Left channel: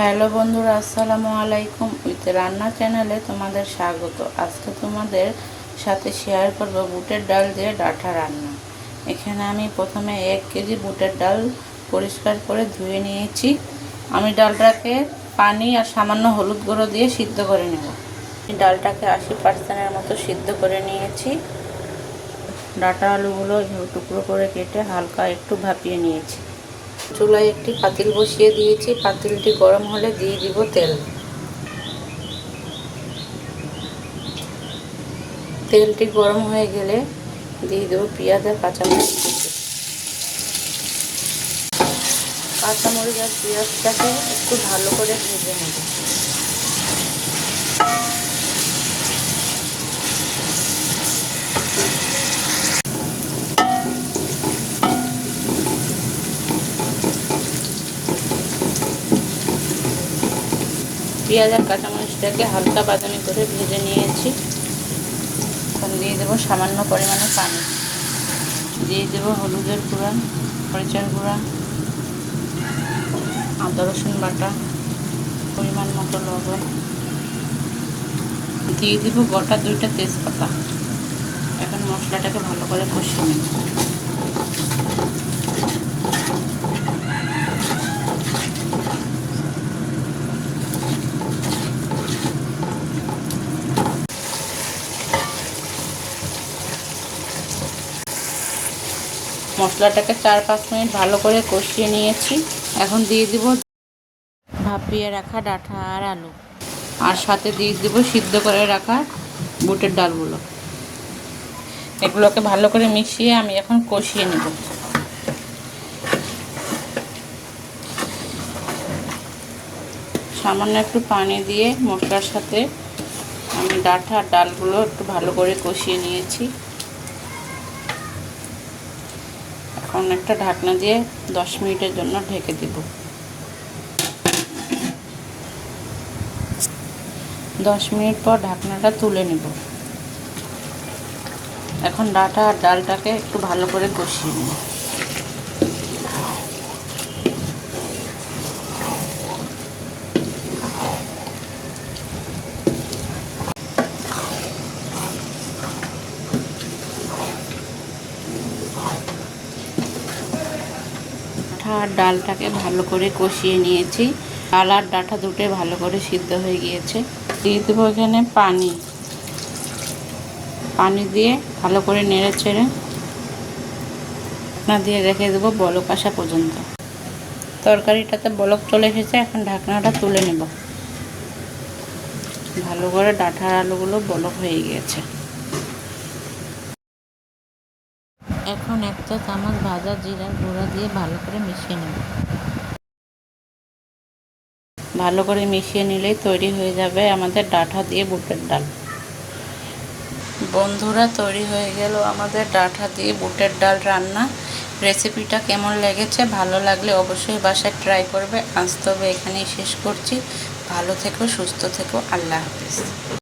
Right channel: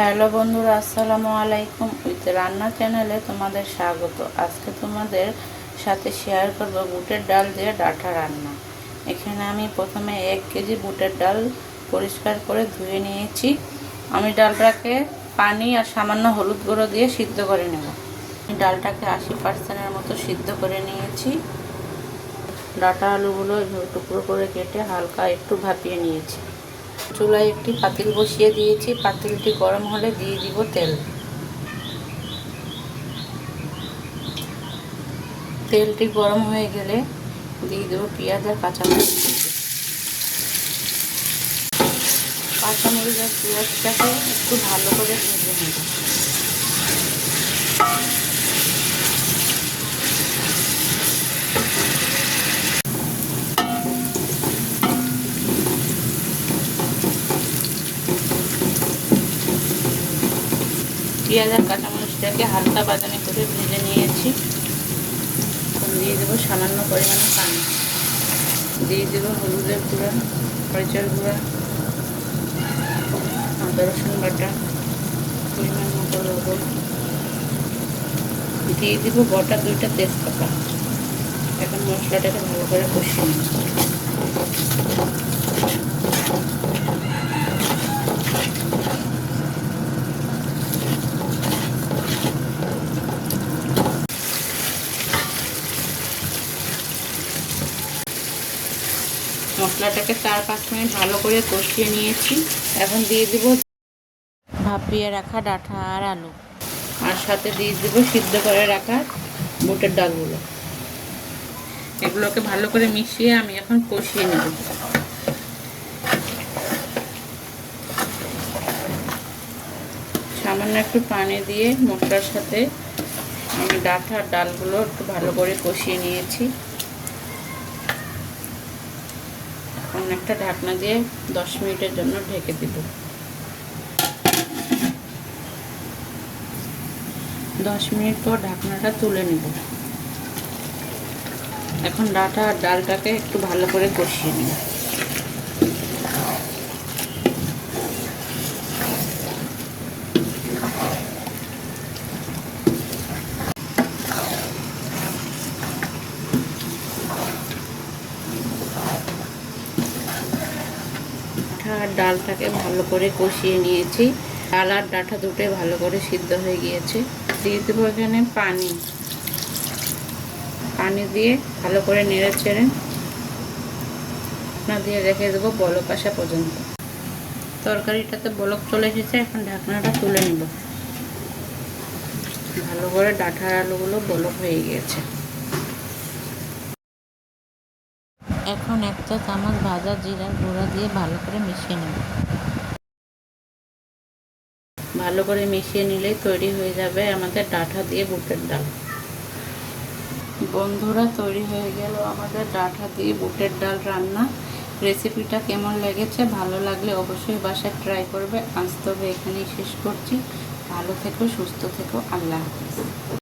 Hello বন্ধুরা, আসসালামু আলাইকুম। উইথ রান্না চ্যানেলে তোমাদের স্বাগত। আজকে তোমাদের সাথে শেয়ার করব বুটের ডাল দিয়ে ডাঁটা রান্না। এখানে আমি প্রথমে 1 কেজি বুটের ডাল পরিষ্কার করে ধুয়ে নিয়েছি। আমি ডালটাকে পানি আর সামান্য হলুদ গুঁড়ো দিয়ে সিদ্ধ করে নেব। আমি ডালটাকে 80% মতো সিদ্ধ করে নিয়েছি। ডাঁটা আলুগুলো টুকরো করে কেটে হালকা একটু ভাপিয়ে নিয়েছি। চুলায় একটি পাতিল বসিয়ে দিয়েছি। পাতিলটি গরম হলে দিয়ে দিব তেল। তেলটি গরম হয়ে গেলে দিয়ে দেবো পেঁয়াজ আর কাঁচামরিচ কুচি। কাঁচামরিচ আর পেঁয়াজটাকে একটু ভালো করে ভেজে নেব। পেঁয়াজ আর কাঁচামরিচটাকে হালকা বাদামি করে ভেজে নিয়েছি। এখন দিয়ে দেবো সামান্য পরিমাণে পানি। দিয়ে দেবো হলুদের গুঁড়া, মরিচের গুঁড়া, আদা রসুন বাটা, পরিমাণ মতো লবণ। দিয়ে দিব গোটা 2টা তেজপাতা। এখন মশলাটাকে ভালো করে কষিয়ে নেব। মশলাটাকে 4-5 মিনিট ভালো করে কষিয়ে নিয়েছি। এখন দিয়ে দিব ভাপিয়ে রাখা ডাঁটা আর আলু, আর সাথে দিয়ে দিব সিদ্ধ করে রাখা বুটের ডালগুলো। এগুলোকে ভালো করে মিশিয়ে আমি এখন কষিয়ে নেব। সামান্য একটু পানি দিয়ে মশলার সাথে আমি ডাঁটা আর ডালগুলো একটু ভালো করে কষিয়ে নিয়েছি। এখন একটা ঢাকনা দিয়ে 10 মিনিটের জন্য ঢেকে দিব। 10 মিনিট পর ঢাকনাটা তুলে নেব। এখন ডাঁটা আর ডালটাকে একটু ভালো করে কষিয়ে নেব। আর ডালটাকে ভালো করে কষিয়ে নিয়েছি। ডাল আর ডাঁটা দুটোই ভালো করে সিদ্ধ হয়ে গিয়েছে। দিয়ে দেবো এখানে পানি দিয়ে ভালো করে নেড়ে ছেড়ে দিয়ে রেখে দেবো বলক আসা পর্যন্ত। তরকারিটাতে বলক চলে এসেছে। এখন ঢাকনাটা তুলে নেব। ভালো করে ডাঁটার আলুগুলো বলক হয়ে গিয়েছে। এখন 1 চা চামচ ভাজা জিরার গুঁড়া দিয়ে ভালো করে মিশিয়ে নেব। ভালো করে মিশিয়ে নিলেই তৈরি হয়ে যাবে আমাদের ডাঁটা দিয়ে বুটের ডাল। বন্ধুরা, তৈরি হয়ে গেল আমাদের ডাঁটা দিয়ে বুটের ডাল রান্না। রেসিপিটা কেমন লেগেছে? ভালো লাগলে অবশ্যই বাসায় ট্রাই করবে। আজ তবে এখানেই শেষ করছি। ভালো থেকো, সুস্থ থেকো। আল্লাহ হাফেজ।